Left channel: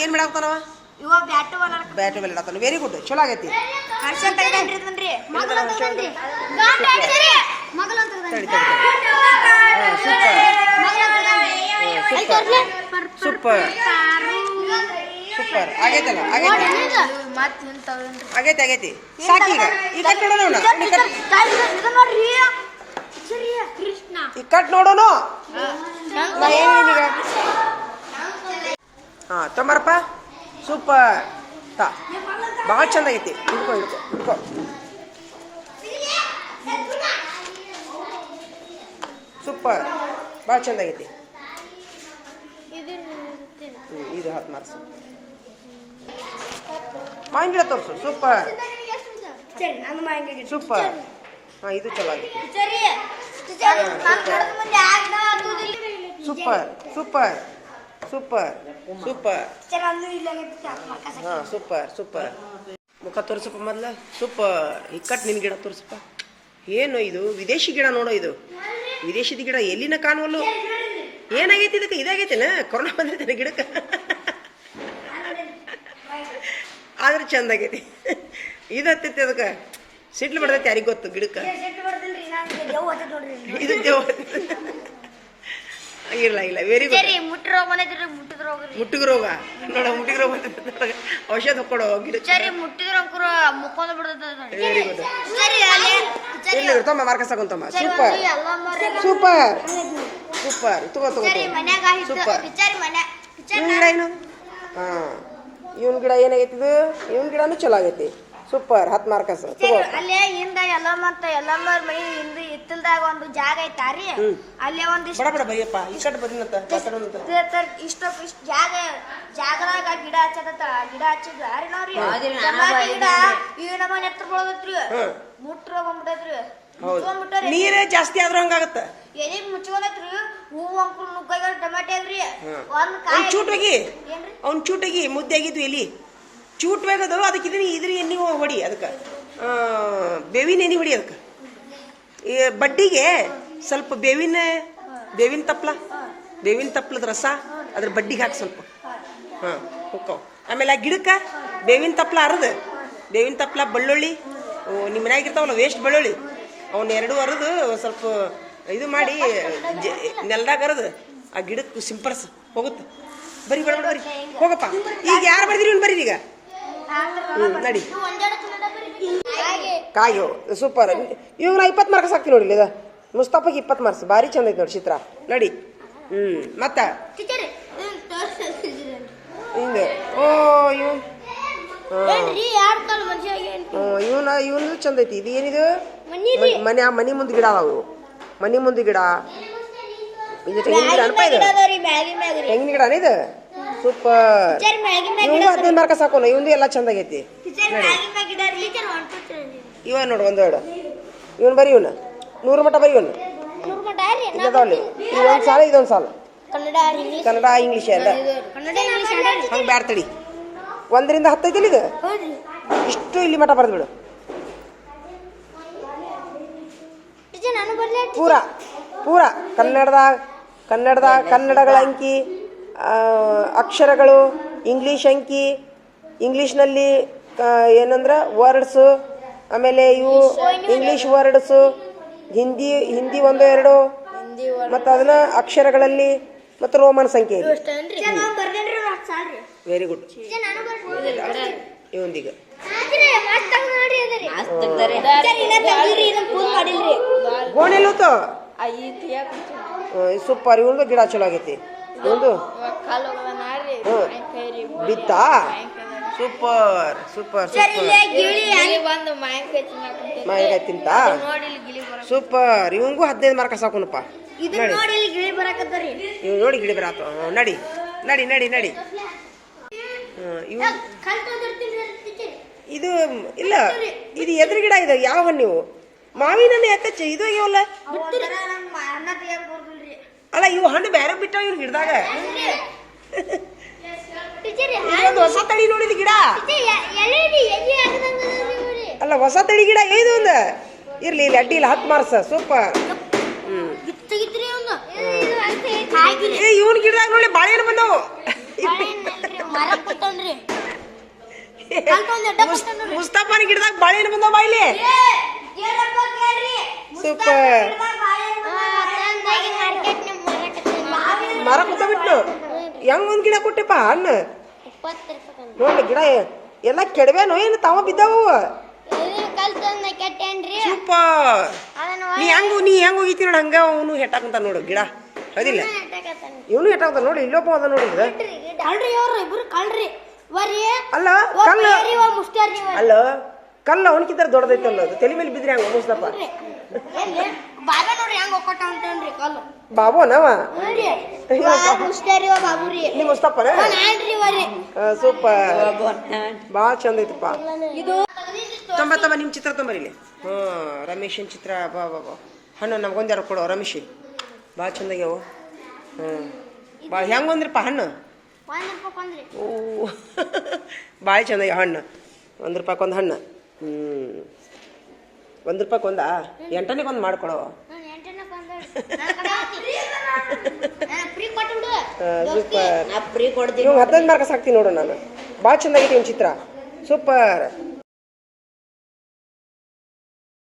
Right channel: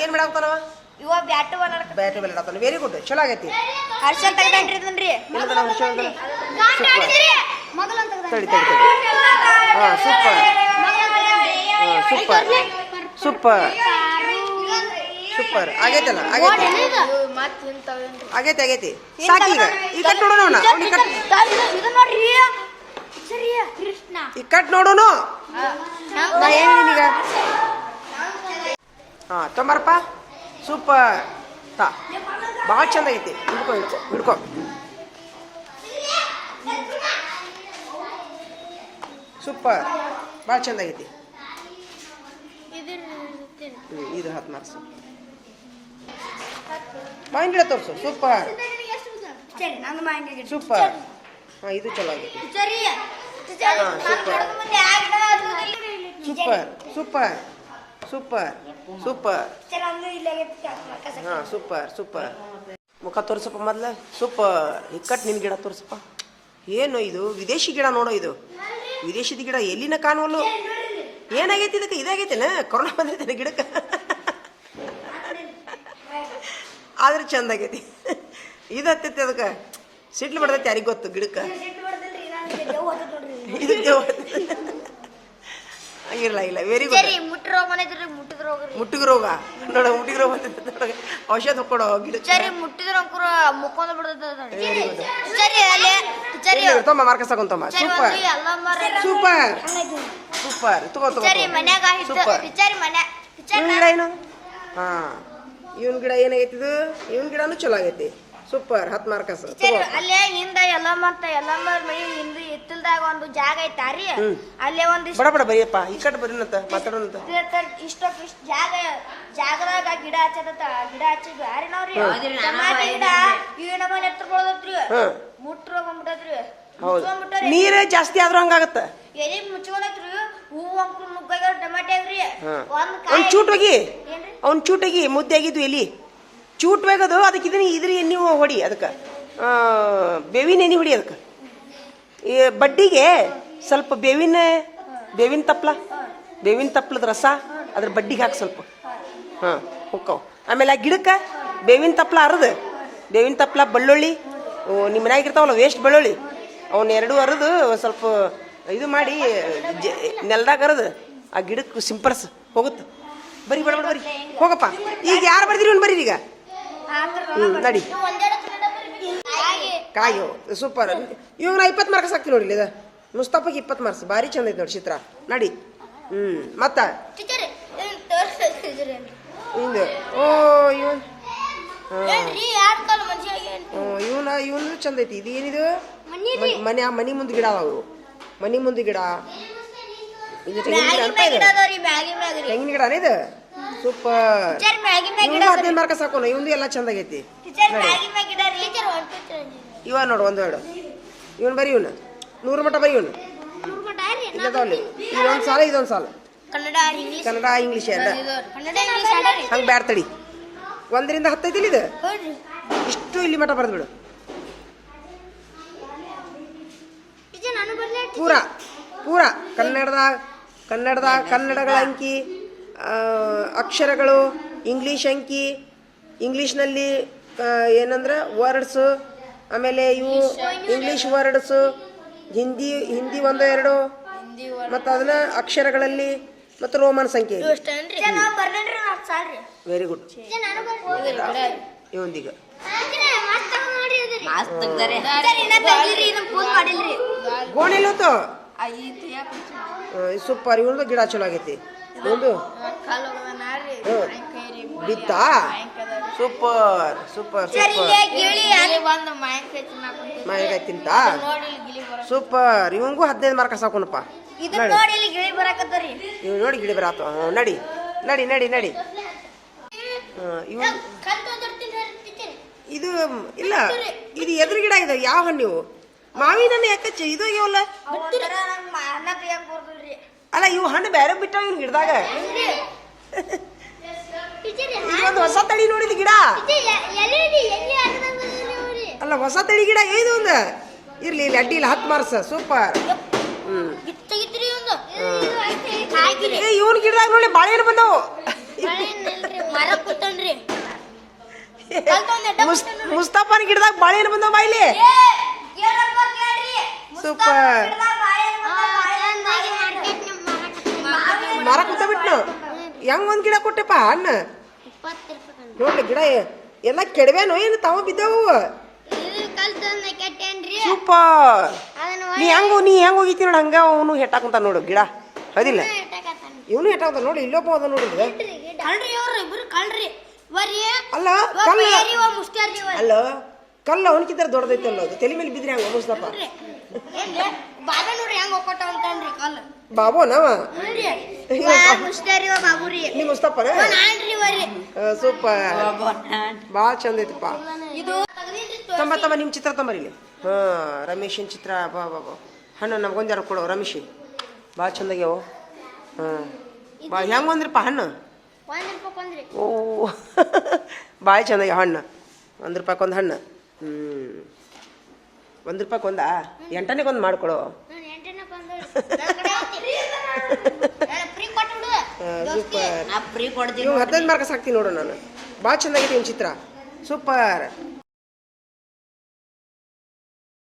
ಏನ್ ಮಾಡಾಕ್ತಾನವ ಇವ bat ball ಆಡ್ತಾನ very good ಚಲೋ ಆಗೈತಿ ಹರ್ಷನ್ ತಗೊಂಡ್ರಿ ಸೂಪರ್ ಸೂಪರ್ ಸೂಪರ್ ಆಗೈತಲ್ಲ ಆಗೈತಿ ಆಗೈತಿ ಸಾಕಿ ಈಗ ಕಟ್ ನೋಡೋಣ ಈ ಕಟ್ ನೋಡೋಣ ಹಾ ತೊಂಬರಪ್ಪ ಸೂಪರ್ ತಾ ಭಾಳ ಚಂದ ಆಗೈತಿ ಹಿಡ್ಕೊ ಹಿಡ್ಕೊ ಹಿಡ್ಕೊ ಸೂಪರ್ ಭಾಳ ಚಂದ ಆಗೈತಿ ಇದು 10 ಮಾರ್ಕ್ಸ್ ಮಾವಿನ ಗಿಡ ತೋರಿಸು ಸೂಪರ್ ಸೂಪರ್ ಹಾಂ ಇದು ಚಲೋ ಆಗೈತಿ ಸೂಪರ್ ಸೂಪರ್ ಸೂಪರ್ ಸೂಪರ್ ಹಾಂ ಸೂಪರ್ ಸೂಪರ್ ಮುಖ ತೋರಿಸಪ್ಪ ಮೊದ್ಲ ಸೂಪರ್ ಇಕ್ಕಟ್ಟು ನಿನ್ನ ಗಿಡ ತೋರಿಸಪ್ಪ ಏನು ಇದು ವಿದೇಶಿ ಗಿಡ ನೋಡೋ ಇದು ವಿದೇಶಿದ ಗಿಡ ಎಲ್ಲಿನ ಕಾಣುವಲ್ಲು ಏನಾಗೈತಿ ಇದಕ್ಕೆ ಇದಾಗೈತಿನ ಕೊರೋನಾ ಬಂದೈತೆ ಗಿಡಕ್ಕೆ ಆದ್ರೆ ಚಂದ ಆಗೈತಿ ಇದು ಹತ್ತೈತಿ ಅದಕ್ಕೆ ಸಿಡ್ಲು ಬಿಡ್ದೈತಿ ಯಾರಿಗೆ ಗೊತ್ತು ಗಿಡಕ್ಕೆ ಇದು ಇಲ್ಲ ಇಲ್ಲ ವೆರಿ ಗುಡ್ ಮುಟ್ಟಿಗೆ ರೋಗ ನೋಡ ಮುಟ್ಟಿಗೆ ರೋಗ ನೋಡ ಔಷಧ ಕೊಡೋ ಗಿಡಕ್ಕೆ ವೆರಿ ಗುಡ್ ತಮ್ಮ ಮಾರ್ಕಸ್ ತಗೊಂತಮ್ಮ ಸೂಪರ್ ಸೂಪರ್ ಸೂಪರ್ ತಗೋ ತಗೋ ಸೂಪರ್ ಇವನ್ ಗಿಡ ಏನು ಹಾಂ ಇವನ್ ಗಿಡ ಏನಾಗೈತಿದು ಇವನ್ ಗಿಡನೂ ಚಲೋ ಆಗೈತಿ ಸೂಪರ್ 10 ಮಾರ್ಕಸ್ ಅಲ್ಲೇ ಹಿಂದ ಎಲ್ಲಮ್ಮರ್ ಮನಿ ಹಿಂದ ಇತ್ತಲ್ದಾಗ ಒಂದು ಜಾಗ ಐತಾರಿ ಅಲ್ಲೇ ಒಂದು ಬಡ ಬಡ ಬರಿಯಪ್ಪ ಈ ಕಡೆ ಬರೀನಂತ ಮಾತಾಡೋಣಂತ ಇಷ್ಟ ಜಾಗದಾಗ ಗಿಡ ಹಚ್ಚದ ಗಿಡ ಹಚ್ಚಿದ್ವಿ ಅರಿ ನಾವ್ರಿ ಗಿಡ ಈ ನಮ್ಮನೆ ಎತ್ತರ ಬೆಳದತ್ರಿ ಮುಟ್ರ ಬಂದ್ಬಿಟ್ಟದ್ರಿ ನೀರ ಜಾಸ್ತಿ ಆದ್ರೂ ಹಂಗಾಗತ್ತ ಎಲ್ಲಿ ಮುಚ್ಕೊಂಡೈತ್ರಿ ಹೂವು ಅಂಕರು ನುಗ್ಗಾಗ ಟಮಾಟೆ ಆಗ್ರಿ ಅವ್ನ್ ಚೂಟಾಗಿ ಮುದ್ದೆ ಆಗಿದ್ವು ಎಲ್ಲಿ ಚೂಟ್ ಬೇಗದು ಅದಕ್ಕೆ ಇದ್ರ ಎಣ್ಣೆ ಹೊಡಿ ಅದಕ್ಕೆ ಬೇವಿನ ಎಣ್ಣೆ ಹೊಡಿ ಅದಕ್ಕೆ ಬಡ್ಡಿಗೆ ಸ್ವಲ್ಪ ಬೇವಿನ ತಪ್ಪಲದ ರಸ ಅದ್ರ ಬಡ್ಡಿಗೆ ಹಾಕಿ ಸ್ವಲ್ಪ ಹಾಂ ಹೊಕ್ಕವು ಆಮೇಲೆ ಆ ಗಿಡಕ್ಕೆ ಬೇವಿನ ತಪ್ಪಲ ಅರದು ಬೇವಿನ ತಪ್ಪಲ ಬೆಳ್ಳುಳ್ಳಿ ನಿಮ್ಮ ಮನ್ಯಾಗಿರ್ತಾವಲ್ಲ ವೇಸ್ಟ್ ಬೆಳ್ಳುಳ್ಳಿ ಅವನ್ನ 2 ಅರದು ಸ್ವಲ್ಪ ಇದು ಮಾಡಿ ನೆಲದಾಗ ಅರದು ಆ ಗಿಡಕ್ಕೆ ಸಿಂಪಡಿಸ್ ಹೋಗುತ್ತೆ ಬರೀ ಬಡ ಬರೀ ಹೋಗಪ್ಪ ಈಗ ಯಾರು ಬರ್ದಿರಿ ಇವ್ನು ಬರೀರಿ ಈಗ ನಡಿ ಕಾಯೋ ಸೂಪರ್ ಇವಾಗ 20 ಮಾರ್ಕ್ಸ್ ಹಾಕ್ತೀನಿ ನೋಡಿ ಇದು ಮುಸ್ತಫಾಗೆ 20 ಮಾರ್ಕ್ಸ್ ಭಾರಿ ಚಂದ ಐತೆ ನೋಡಿ ಚಿತ್ರ ನಡಿ ಮತ್ತ ಹಿಂಗೆ ಓ ಇವನು ಚಂದ ಐತಿ ಇದು ಏನಿದು ಮನಿ ಮುಂದೆ ಗಿಡ ಅದಾವು ಮನಿ ಮುಂದೆ ಗಿಡ ಇದು ತೆಂಗಿನ ಗಿಡ ಅನ್ಪ ಇದು ತೆಂಗಿನ ಗಿಡ ಇದು ಸೂಪರ್ ಇವಂದು 15 ಮಾರ್ಕ್ಸ್ ಹಾಕೋಣ ಇವಂದು ಎಲ್ಲ ಚಂದ ಆಗೈತಿ ನೋಡಿ ಇವ ನೋಡು ಒಂದೆರಡು ಇವನ್ ಬರೀ ಇವನು 100 ಮಟ ಬೈ ಇವನು ಇಲ್ಲದವಲ್ಲಿ ಇದೊಂದು ಸಾಲ ಇದೊಂದು ಸಾಲ ಕನ್ನಡ ಇಂಗ್ಲೀಷ್ ಎಲ್ಲ ಹಂಗೆ ಬ್ಯಾಡ ತಡಿ 1 ರಿಂದ 10 ಐತಿಲ್ಲ ಇದು ಇಷ್ಟು ಇಲ್ಲಿ ಮಠ ಬರೆದು ಬಿಡು ಪೂರ ಕನ್ನಡಗಳ ಅಂಕಿ ಅಕ್ಷರಗಳು ಇಂಗ್ಲೀಷ್ ಅಂಕಿ ಇಂಗ್ಲೀಷ್ನಲ್ಲಿ ಏನಂದ್ರೆ ವರ್ಡ್ಸು ಆಮೇಲೆ ಇವು ಇಂಗ್ಲೀಷ್ ವರ್ಡ್ಸು ಹಿಂದಿ 1-2 ಮತ್ತು ಅದನ್ನ ಅಕ್ಷರಗಳಲ್ಲಿ ಮತ್ತು ರೋಮನ್ ಸಂಖ್ಯೆ ವೆರಿ ಗುಡ್ ಇವಂದೀಗ ಗೋಣಿಲೂತು ಸೂಪರ್ ಇವಂದು ಗಿಡ ಚಲೋ ಆಗೈತಿ ಇವಂದು ಬಿತ್ತಾ ಸೂಪರ್ ಸೂಪರ್ ಸೂಪರ್ ಮಾವಿನಕಾಯಿ ತಿಂತ ಸೂಪರ್ ಇವಂಗೂ 15 ಮಾರ್ಕ್ಸ್ ಹಾಕೋಣಪ್ಪ ನೋಡಿ ಗಿಳಿ ಬರಾತ ನಡಿ ನಡಿ ನಡಿ ನಡಿ ಇದು ಇಲ್ಲ ಇದು ಎದುರು ಗಿಡ ಇದೆ ಯಾವ ಹಣ್ಣು ಮಾವಿನ ಹಣ್ಣು ಯಾಕಚ್ಚ ಇದು ಆಗ್ಯಾವಲ್ಲ ಅಲ್ಲ ಇವು ಹಣ್ಣು ಬೇರೆ ಬಿಟ್ಟಾವ ಇವ್ನ ಗಿಡದಾಗ ಇದೊಂದು ಹೊಸ ತಳಿ ನೋಡಿದ ಗಿಡ ಅಲ್ಲ ಹೊಸ ತಳಿ ಗಿಡ ಇದು ಒಂದು ಇರ್ಲಿ ಇಲ್ಲಿ ಅಡ್ಡಿ ಇಲ್ಲ 10 ಮಾರ್ಕ್ಸ್ ಸೂಪರ್ ಇವನ್ ಗಿಡದಾಗ ನೋಡಿ ಬಾಳೆಹಣ್ಣು ಬಂದವು ಮರ ಕೂತನ್ರಿ ಮುಸ್ತಫಾನ ಗಿಡದಾಗ ಬಾಳೆಹಣ್ಣು ಬಂದವ ಬಾಯಿಲಿ ಸೂಪರ್ ಮರ ಕೂತ ಬಿಟ್ಟು ಹೆಂಗ್ ಒಂದ್ ಗಿಡ ಕೊಟ್ಟೆಪ್ಪ ಹಣ್ಣು ನೋಡಿ ಗಿಡ ಎಲ್ಲ ಕೆಡವೇನೋ ಏನು ತಾವ ಬಿದ್ದಾವು ಸೂಪರ್ ನೀ ಹೆಂಗ್ ಹೋಗಿತಿ ನೋಡು ಹಂಗ ಅವನು ಹೆಟ್ಟಾಕಂತ ನೋಡು ಗಿಡ ಹೌದಿಲ್ಲ ಇವನು ಹೆಟ್ಟಾಕಂತ ನೋಡಿ ಇಲ್ಲೊಬ್ಬ ಅದ ನೋಡಿ ಅಲ್ಲ ಕಲ್ಲು ಅಲ್ಲ ಕಲ್ಲು ಅವನಕ್ಕಿಂತ ದೊಡ್ಡದೈತಲ್ಲ ಅದು ತಲೆ ಮೇಲೆ ಬಿದ್ದರೆ ಹಂಗ ಮುಸ್ತಪ್ಪ ಬಾಬುನವ ನೀ ಮುಸ್ತಪ್ಪನ ಸೂಪರ್ ಭಾಳ ಚಂದ ಐತಪ್ಪ ತಮ್ಮ ನಿಮ್ಮ ಚಿತ್ರ ತಂಬರಿಲಿ ರಮೇಶನ್ ಚಿತ್ರ ಬಾ ಹಣ್ಣು ನಮ್ಗೊಂದು ಕೊಡೋ ರಮೇಶ್ ಭಾಳ ಚಂದ ಆಗ್ಯಾವ ಬಾ ಹೆಂಗೆ ಒಂದ್ರಪ್ಪ ಹಣ್ಣು ಓ ಭಾಳ ಚಂದ ಆಗ್ಯಾವ ಹಣ್ಣು ₹1 ಒಂದು ಹಣ್ಣು ₹1 ಒಂದಾ 8ನೇ ಒಂದು ಮಾಡ್ಕೊಳೋ ಸೂಪರ್ 15 ಮಾರ್ಕ್ಸ್ ಹಾಕ್ತೀನಿ ನೋಡು ನಾನು ಭಾಳ ಚಂದಾಗೈತಿ ನಿಮ್ಮ ಚಿತ್ರ ಸೂಪರ್